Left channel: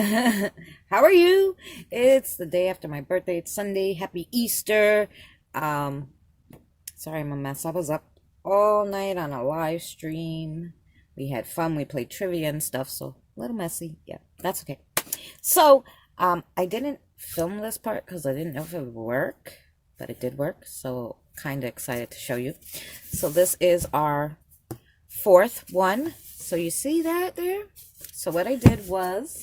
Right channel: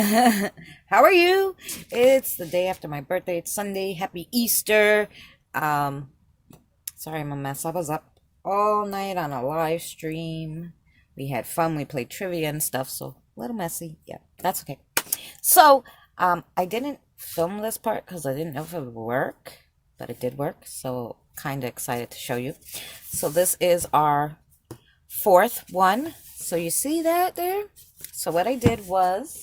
How are you? It's the day after my birthday. It's Sunday. Happy Easter. Um, Sorry I'm a mess. I was up all night on a live stream. We had fun. We played trivia and stuff, so a little messy. Yeah, that's okay. So, I didn't film this part because I didn't know if it would work, but it did work. So, kind of excited to show you. So, this is our fourth one. So, you see that there? So, what I did was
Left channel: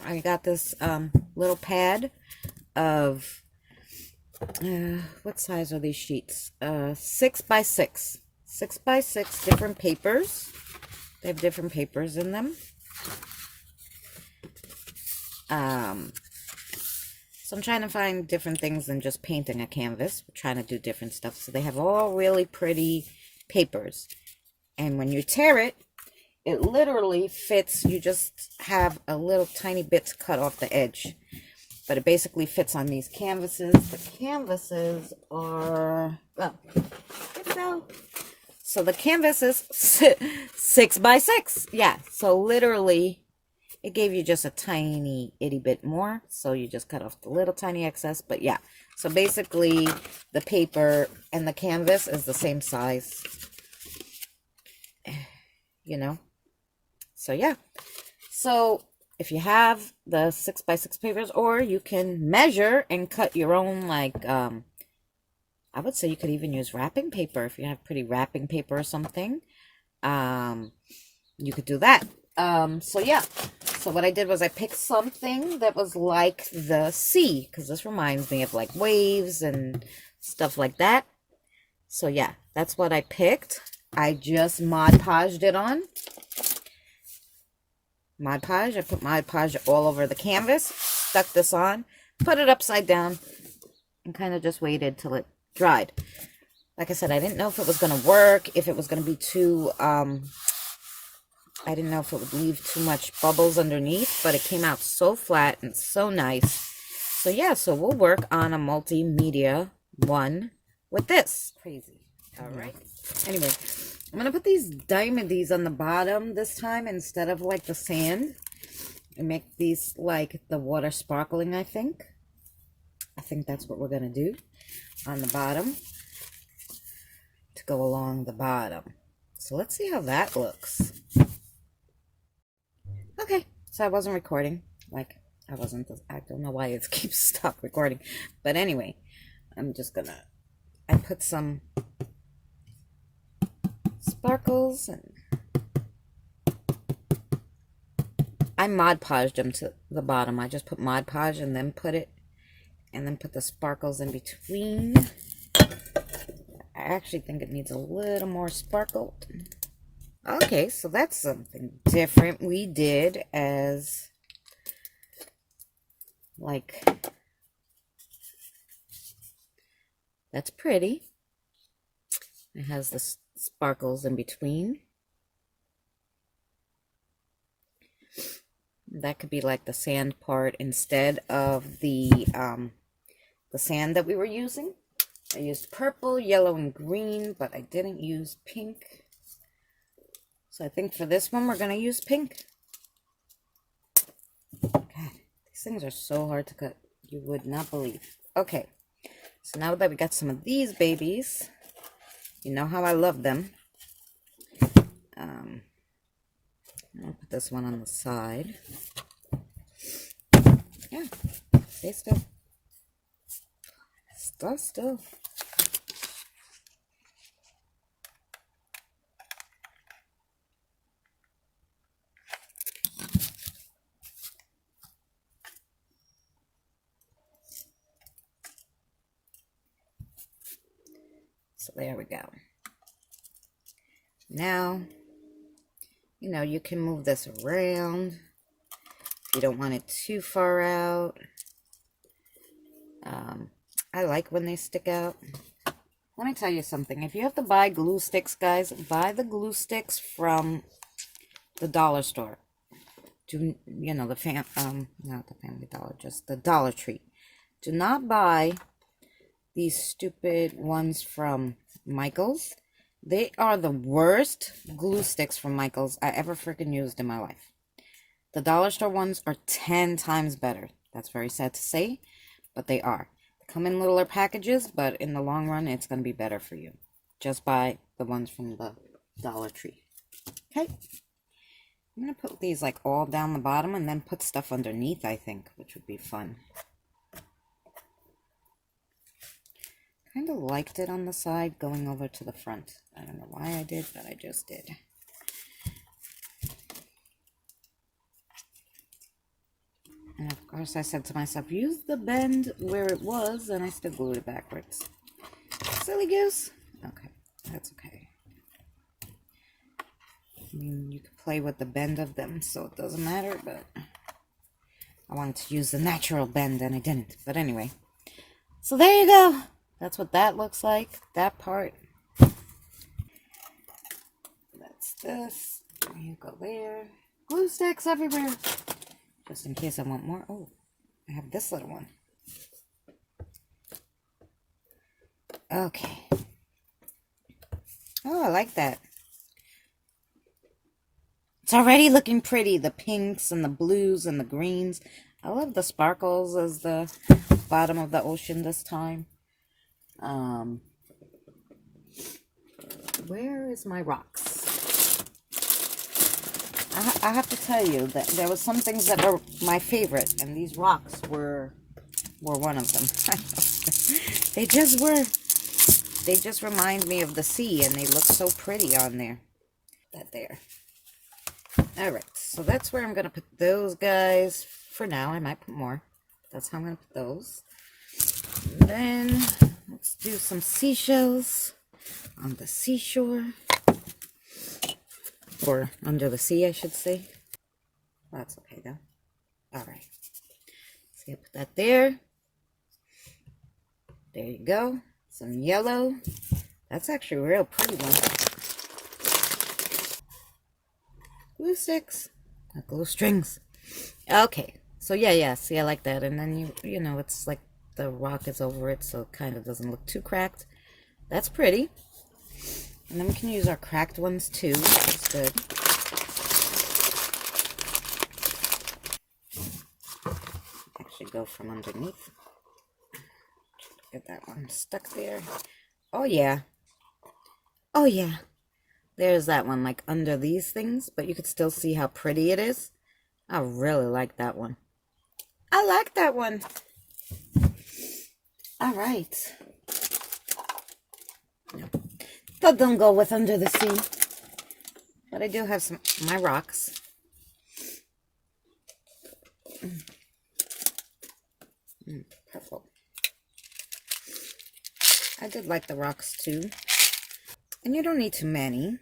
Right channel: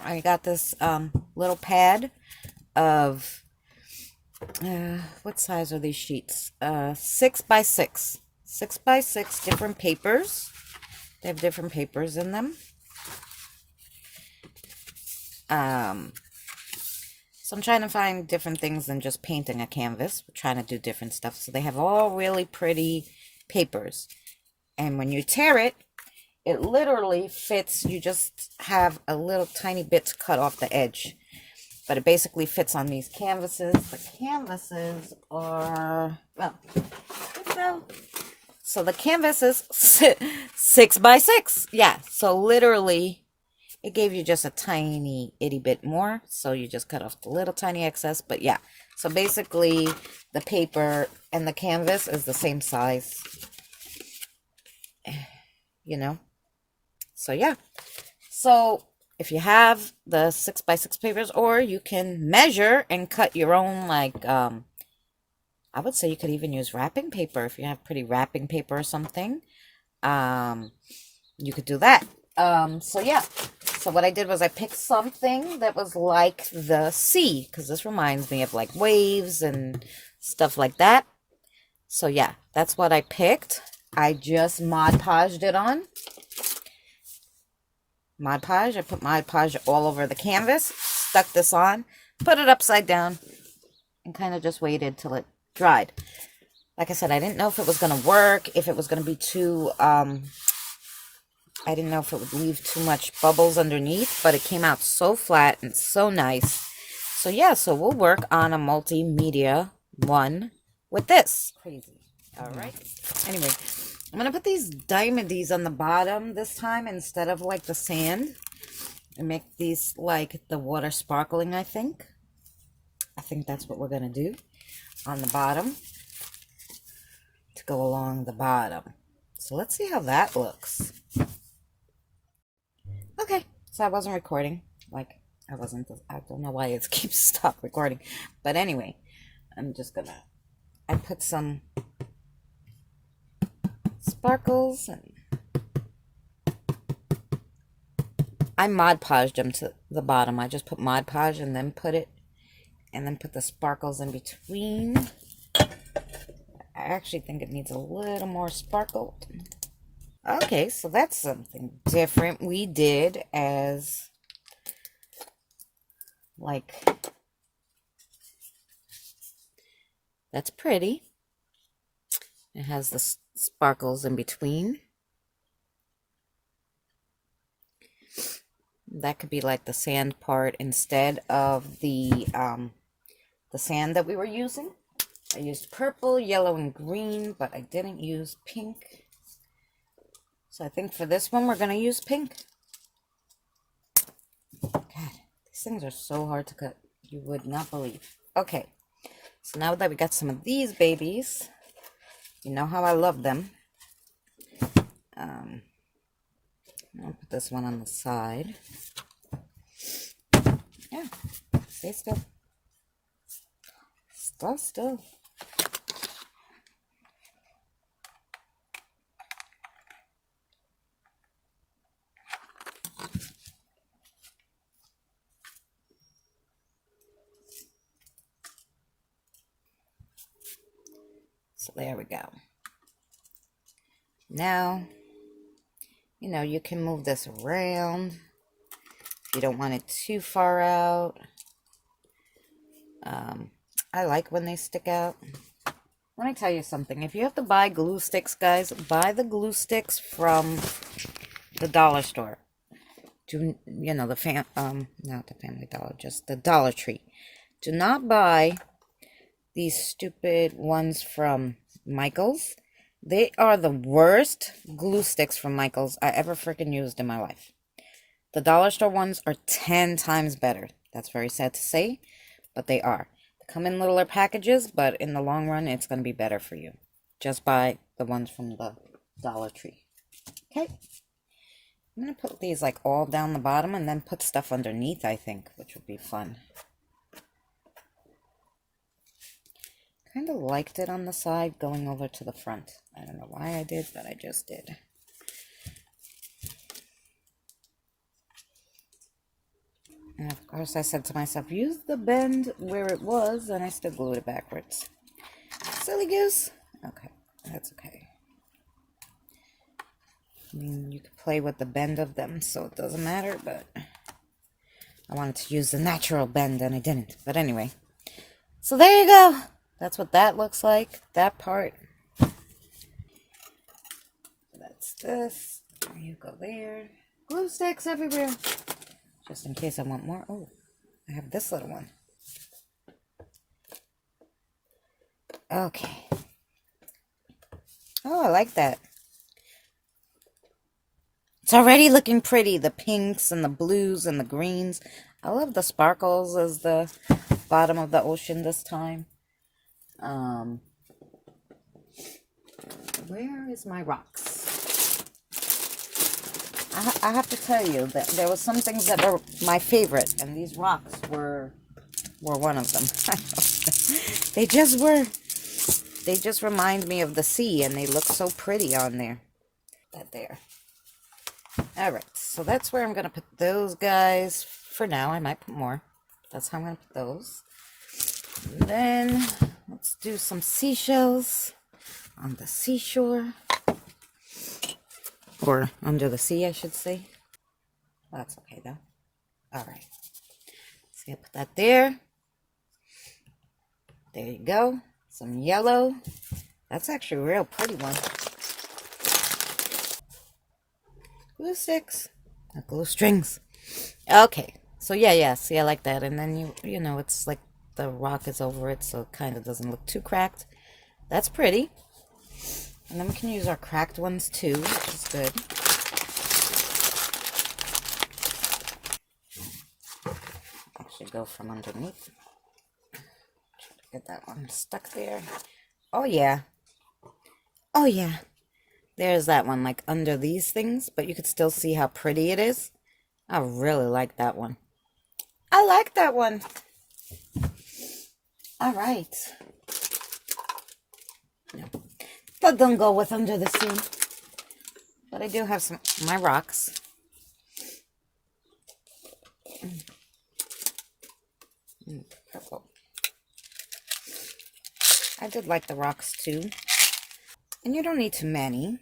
I got this little pad of what size are these sheets? 6x6. 6x6 different papers. They have different papers in them. So I'm trying to find different things than just painting a canvas. We're trying to do different stuff. So they have all really pretty papers. And when you tear it, it literally fits. You just have a little tiny bit to cut off the edge. But it basically fits on these canvases. The canvases are, well, so the canvas is 6x6. Yeah, so literally it gave you just a tiny itty bit more. So you just cut off the little tiny excess. But yeah, so basically the paper and the canvas is the same size, you know. So yeah, so if you have the 6x6 papers, or you can measure and cut your own, like, I would say you could even use wrapping paper if you have pretty wrapping paper or something. You could do that. So yeah, so what I did was I picked something that was like the sea, because this reminds me of like waves and stuff like that. So yeah, that's what I picked. I just Mod Podged it on. Mod Podge. I put Mod Podge all over the canvas, stuck this on, put it upside down, and kind of just waited till it dried. Like I said, I didn't know if it was going to work, if it was going to be too, I didn't know if it would leave too much bubbles underneath, but it came out so flat and so nice. So yeah, so we'll work on a multimedia one with this. Crazy. All right. Anyway, I'm going to put these diamondies on the bottom this time instead of like the sand. And make these like the water sparkling, I think. I think that's what we're going to do on the bottom to go along the bottom. So let's see how that looks. Okay, so I wasn't recording. Like, I don't know why it keeps stop recording. But anyway, I'm just going to, I put some sparkles, and I Mod Podged them to the bottom. I just put Mod Podge and then put the sparkles in between. I actually think it needs a little more sparkled. Okay, so that's something different we did as like, that's pretty. It has the sparkles in between. That could be like the sand part instead of the sand that we were using. I used purple, yellow, and green, but I didn't use pink. So I think for this one, we're going to use pink. God, these things are so hard to cut. You would not believe. Okay, so now that we got some of these babies, you know how I love them. I'll put this one on the side. Yeah, stay still. Stay still. So there we go. Now, you know, you can move this around. You don't want it too far out. I like when they stick out. Let me tell you something. If you have to buy glue sticks, guys, buy the glue sticks from the dollar store. You know, not the Family Dollar, just the Dollar Tree. Do not buy these stupid ones from Michael's. They are the worst glue sticks from Michael's I ever freaking used in my life. The dollar store ones are 10 times better. That's very sad to say, but they are. They come in littler packages, but in the long run, it's going to be better for you. Just buy the ones from the Dollar Tree. Okay? I'm going to put these like all down the bottom and then put stuff underneath, I think, which would be fun. Kind of liked it on the side going over to the front. I don't know why I did, but I just did. And of course I said to myself, use the bend where it was, and I still glued it backwards. Silly goose. Okay, that's okay. I mean, you could play with the bend of them, so it doesn't matter, but I wanted to use the natural bend, and I didn't. But anyway, so there you go. That's what that looks like, that part. That's this. There you go there. Glue sticks everywhere. Just in case I want more. Oh, I have this little one. Okay. Oh, I like that. It's already looking pretty. The pinks and the blues and the greens. I love the sparkles as the bottom of the ocean this time. Where is my rocks? I have to tell you that there were some things that were my favorite, and these rocks were one of them. They just were. They just remind me of the sea, and they look so pretty on there. That there. All right, so that's where I'm going to put those guys for now. I might put more. That's how I'm going to put those. And then let's do some seashells on the seashore. Or under the sea, I should say. That's okay, though. All right. So I put that there. There you go. Some yellow. That's actually a real pretty one. Glue sticks. Not glue strings. Okay. So yeah. See, I like that. And then you know, it's like the rock is over it, so it kind of doesn't look too cracked. That's pretty. And then we can use our cracked ones too. That's good. Actually go from underneath. Get that one stuck there. Oh yeah. Oh yeah. There's that one, like under these things, but you could still see how pretty it is. I really like that one. I like that one. All right. That don't go with under the sea. But I do have some my rocks. Purple. I did like the rocks too. And you don't need too many.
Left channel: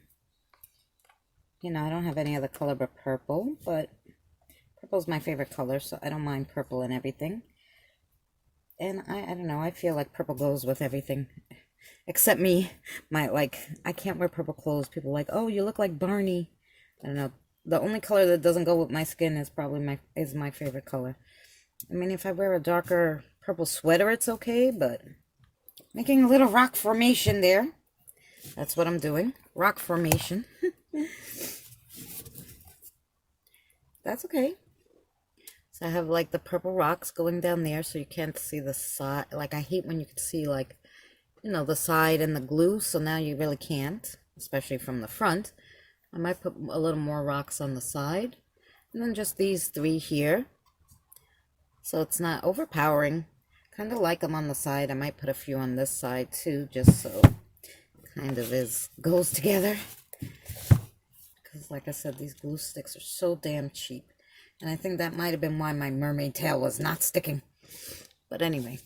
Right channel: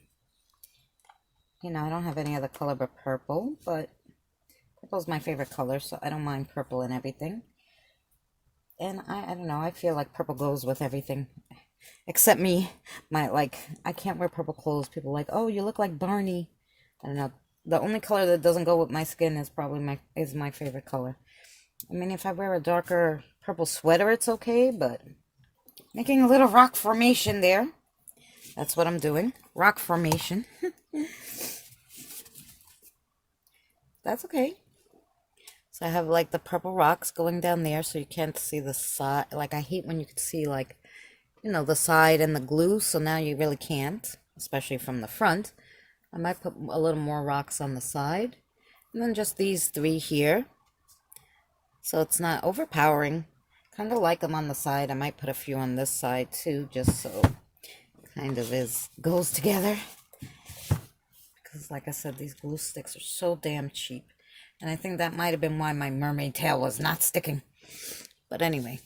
You know, I don't have any other color but purple, but purple is my favorite color, so I don't mind purple and everything. And I don't know, I feel like purple goes with everything. Except me, I can't wear purple clothes. People are like, oh, you look like Barney. I don't know. The only color that doesn't go with my skin is probably my favorite color. I mean, if I wear a darker purple sweater, it's okay, but making a little rock formation there. That's what I'm doing. Rock formation. That's okay. So I have like the purple rocks going down there so you can't see the side. Like I hate when you can see like, you know, the side and the glue. So now you really can't, especially from the front. I might put a little more rocks on the side. And then just these three here. So it's not overpowering. Kind of like them on the side. I might put a few on this side too, just so it kind of goes together. Because like I said, these glue sticks are so damn cheap. And I think that might have been why my mermaid tail was not sticking. But anyway.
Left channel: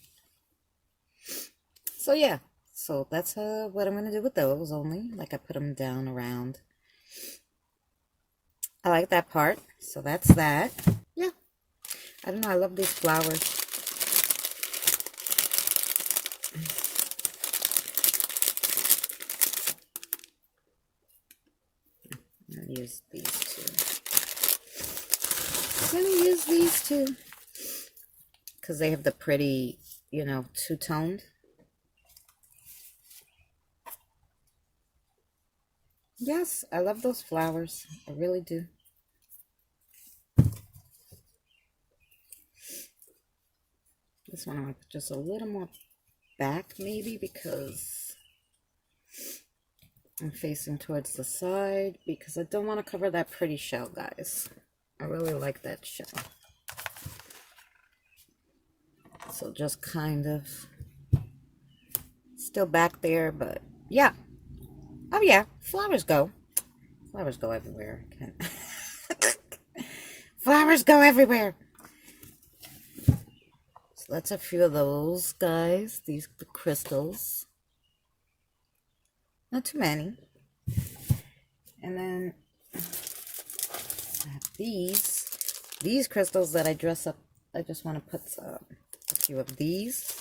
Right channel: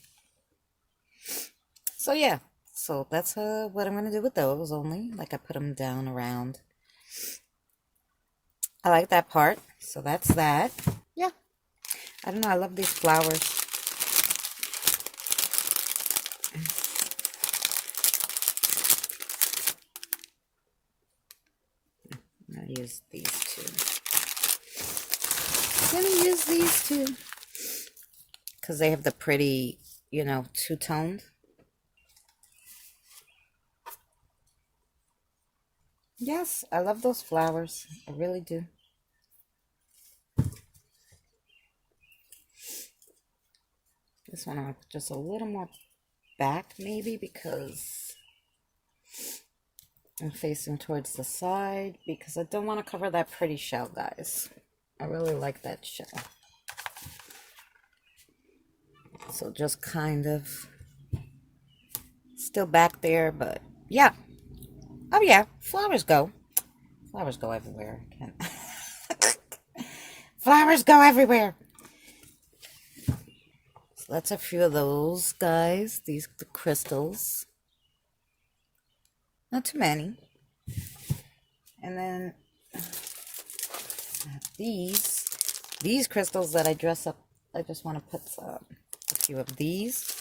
So yeah. So that's what I'm going to do with those only. Like I put them down around. I like that part. So that's that. Yeah. I don't know. I love these flowers. I'm going to use these two. I'm going to use these two. Because they have the pretty, you know, two-toned. Yes, I love those flowers. I really do. This one I'm going to put just a little more back maybe because I'm facing towards the side because I don't want to cover that pretty shell, guys. I really like that shell. So just kind of still back there, but yeah. Oh yeah, flowers go. Flowers go everywhere. Flowers go everywhere. So that's a few of those, guys. These the crystals. Not too many. And then these crystals that I dress up. I just want to put a few of these.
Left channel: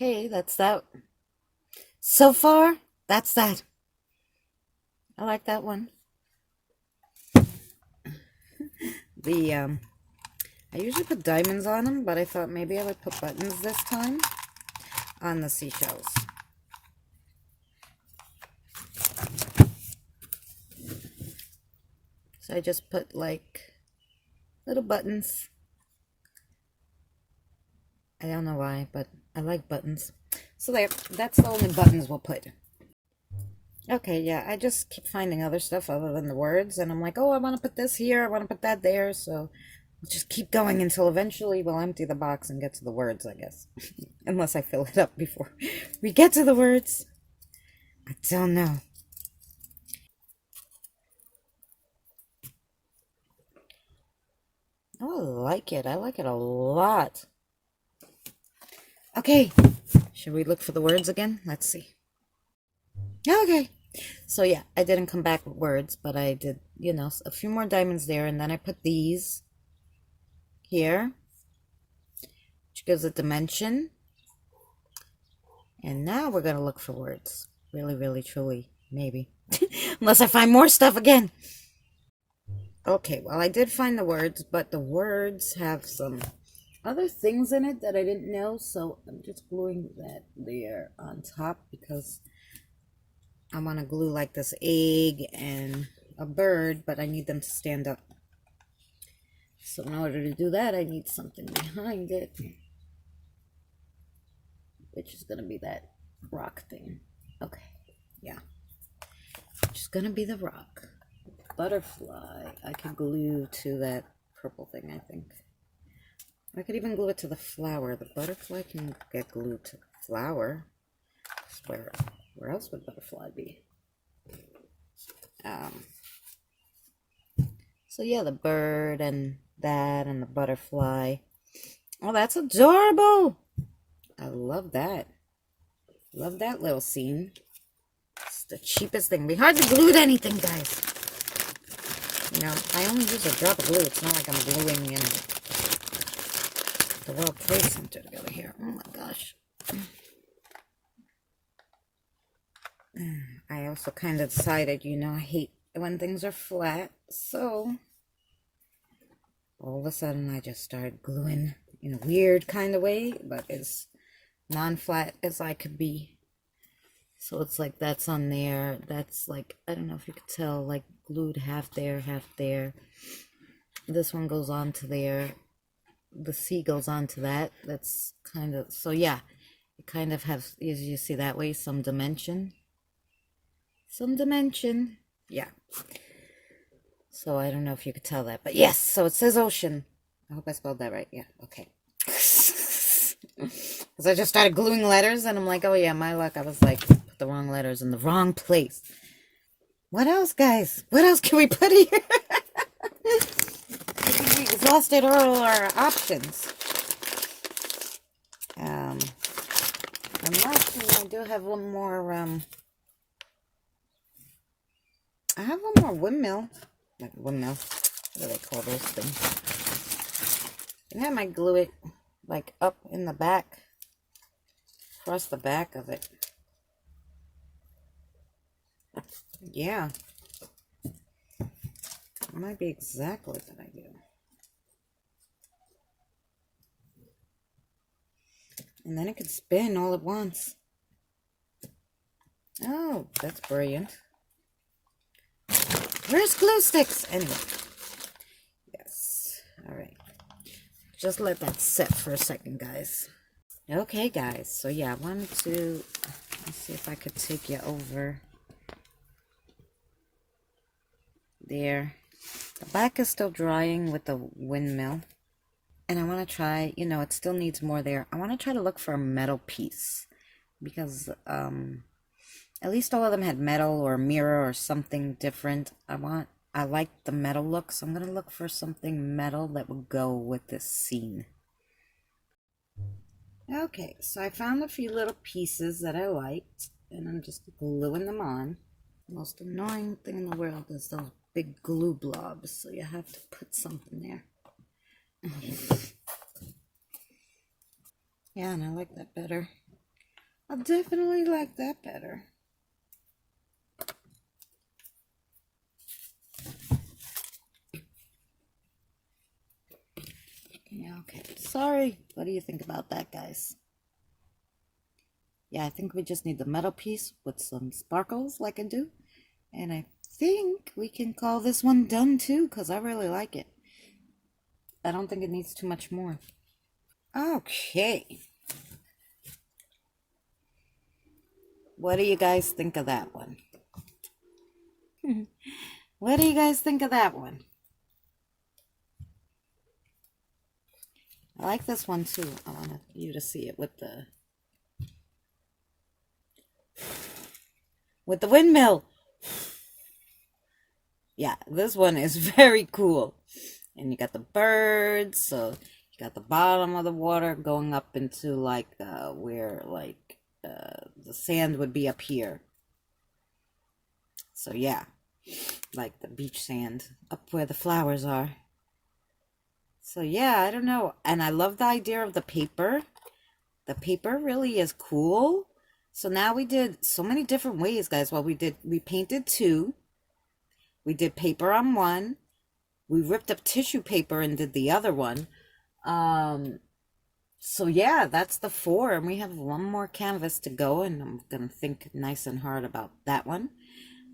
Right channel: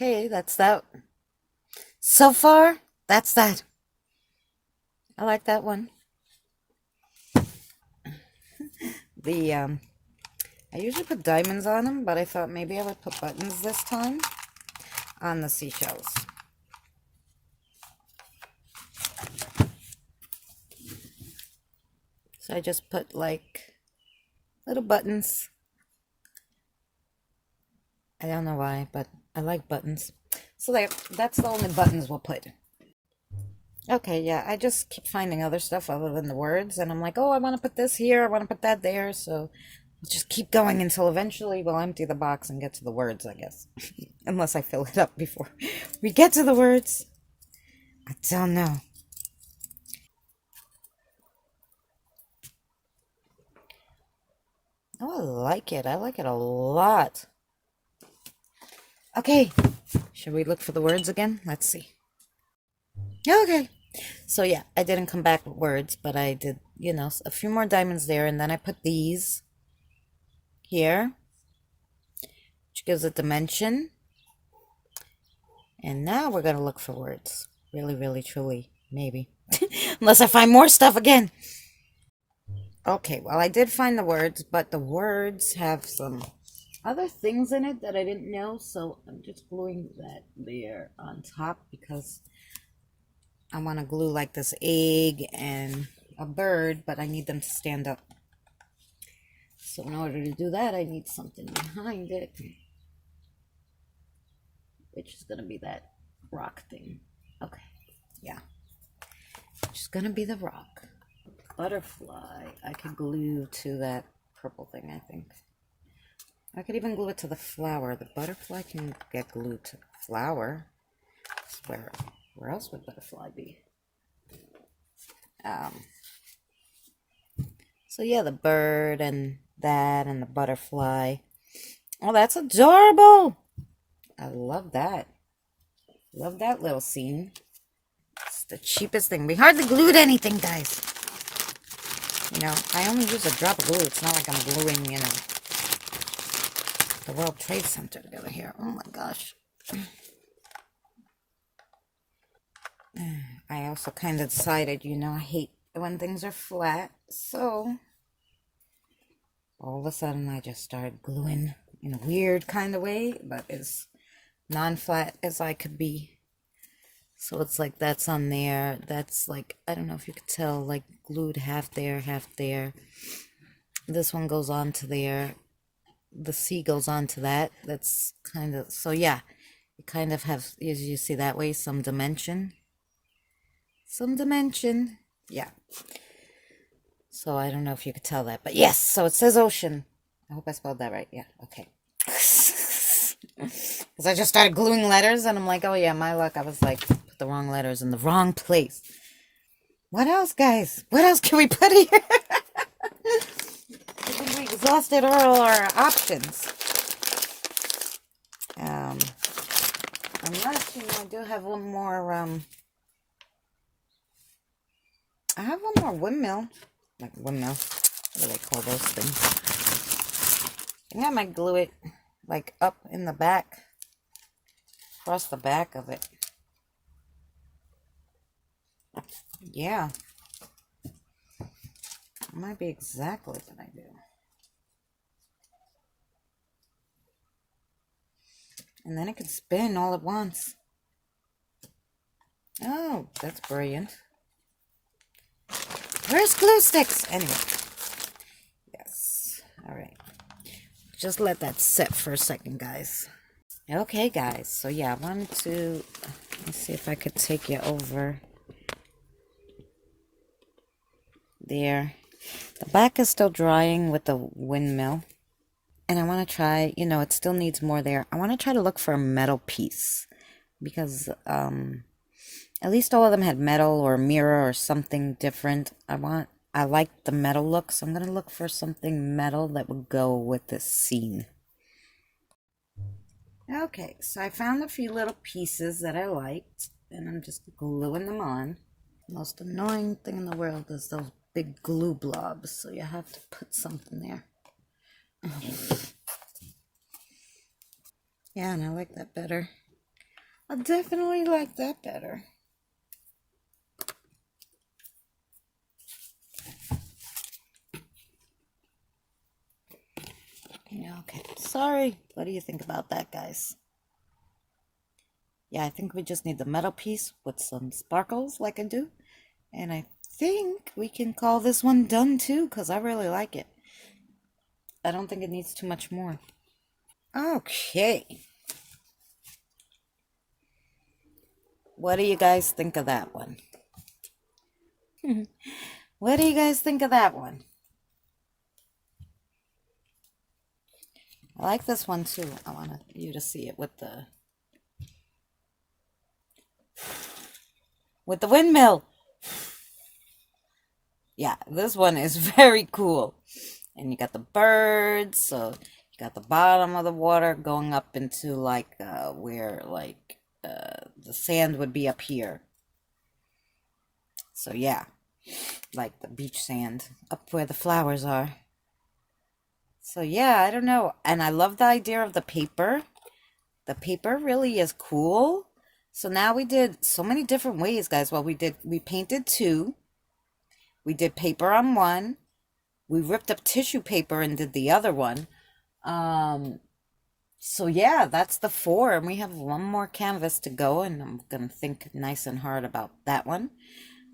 Okay, that's that. So far, that's that. I like that one. I usually put diamonds on them, but I thought maybe I would put buttons this time on the seashells. So I just put like little buttons. I don't know why, but I like buttons. So that's the only buttons we'll put. Okay, yeah, I just keep finding other stuff other than the words, and I'm like, oh, I want to put this here, I want to put that there, so we'll just keep going until eventually we'll empty the box and get to the words, I guess. Unless I fill it up before we get to the words. I don't know. Oh, I like it. I like it a lot. Okay, should we look for the words again? Let's see. Okay. So yeah, I didn't come back with words, but I did, you know, a few more diamonds there, and then I put these here, which gives a dimension. And now we're going to look for words. Really, really, truly, maybe. Unless I find more stuff again. Okay, well, I did find the words, but the words have some other things in it that I didn't know, so I'm just gluing that there on top because I want to glue like this egg and a bird, but I need them to stand up. So in order to do that, I need something behind it, which is going to be that rock thing. Okay, yeah. Which is going to be the rock. Butterfly, I could glue to that purple thing, I think. I could even glue it to the flower. The butterfly can get glued to the flower. Where else would butterfly be? So yeah, the bird and that and the butterfly. Oh, that's adorable. I love that. Love that little scene. It's the cheapest thing. We hardly glued anything, guys. You know, I only use a drop of glue. It's not like I'm gluing, you know, the World Trade Center together here. Oh my gosh. I also kind of decided, you know, I hate when things are flat. So, all of a sudden, I just started gluing in a weird kind of way, but as non-flat as I could be. So it's like that's on there. That's like, I don't know if you could tell, like glued half there, half there. This one goes on to there. The C goes on to that. That's kind of, so yeah, it kind of has, as you see that way, some dimension. Some dimension. Yeah. So I don't know if you could tell that, but yes, so it says ocean. I hope I spelled that right. Yeah, okay. Because I just started gluing letters, and I'm like, oh yeah, my luck. I was like, put the wrong letters in the wrong place. What else, guys? What else can we put here? We exhausted all our options. And last thing, I do have one more, I have one more windmill. Like windmill. What do they call those things? And I might glue it like up in the back. Across the back of it. Yeah. It might be exactly what I do. And then it could spin all at once. Oh, that's brilliant. Where's glue sticks? Anyway. Yes. All right. Just let that sit for a second, guys. Okay, guys. So, yeah, I wanted to... Let's see if I could take you over there. The back is still drying with the windmill. And I want to try, you know, it still needs more there. I want to try to look for a metal piece. Because, at least all of them had metal or a mirror or something different. I like the metal look, so I'm going to look for something metal that would go with this scene. Okay, so I found a few little pieces that I liked, and I'm just gluing them on. The most annoying thing in the world is those big glue blobs, so you have to put something there. Yeah, and I like that better. I definitely like that better. Okay, sorry. What do you think about that, guys? Yeah, I think we just need the metal piece with some sparkles like I do. And I think we can call this one done too, because I really like it. I don't think it needs too much more. Okay. What do you guys think of that one? What do you guys think of that one? I like this one too. I want you to see it with the windmill. Yeah, this one is very cool. And you got the birds, so you got the bottom of the water going up into like where like the sand would be up here. So yeah, like the beach sand up where the flowers are. So yeah, I don't know. And I love the idea of the paper. The paper really is cool. So now we did so many different ways, guys. Well, we painted 2. We did paper on 1. We ripped up tissue paper and did the other one. So yeah, that's the 4. And we have one more canvas to go. And I'm going to think nice and hard about that one.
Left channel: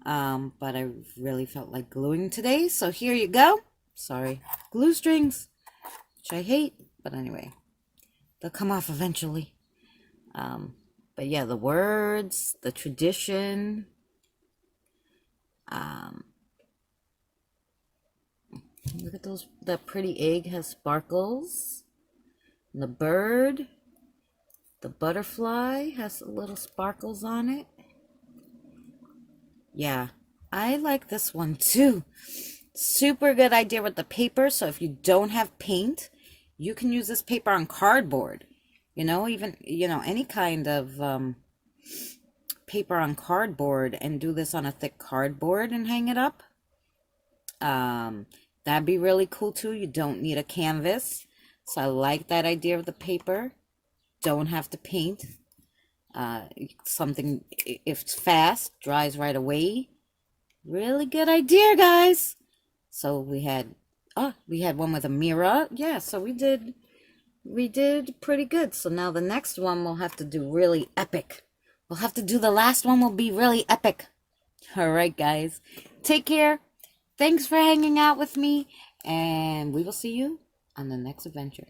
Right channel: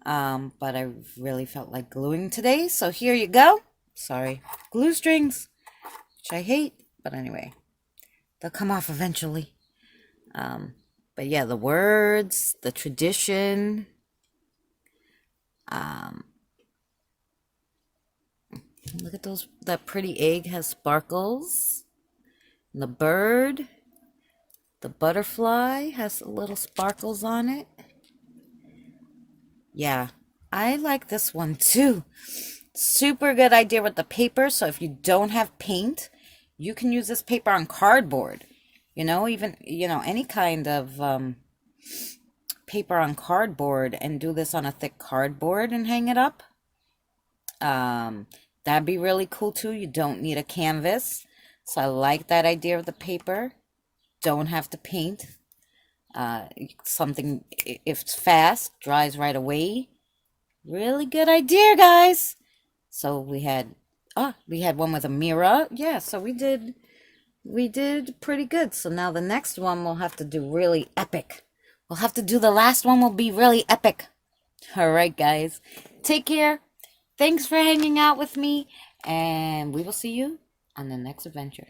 But I really felt like gluing today. So here you go. Sorry. Glue strings, which I hate. But anyway, they'll come off eventually. But yeah, the words, the tradition. Look at those. That pretty egg has sparkles. And the bird, the butterfly has little sparkles on it. Yeah, I like this one too. Super good idea with the paper. So if you don't have paint, you can use this paper on cardboard. You know, even, you know, any kind of paper on cardboard, and do this on a thick cardboard and hang it up. That'd be really cool too. You don't need a canvas. So I like that idea of the paper. Don't have to paint. Something, if it's fast, dries right away. Really good idea, guys. So we had one with a mirror. Yeah, so we did pretty good. So now the next one we'll have to do really epic. We'll have to do the last one will be really epic. All right, guys. Take care. Thanks for hanging out with me, and we will see you on the next adventure.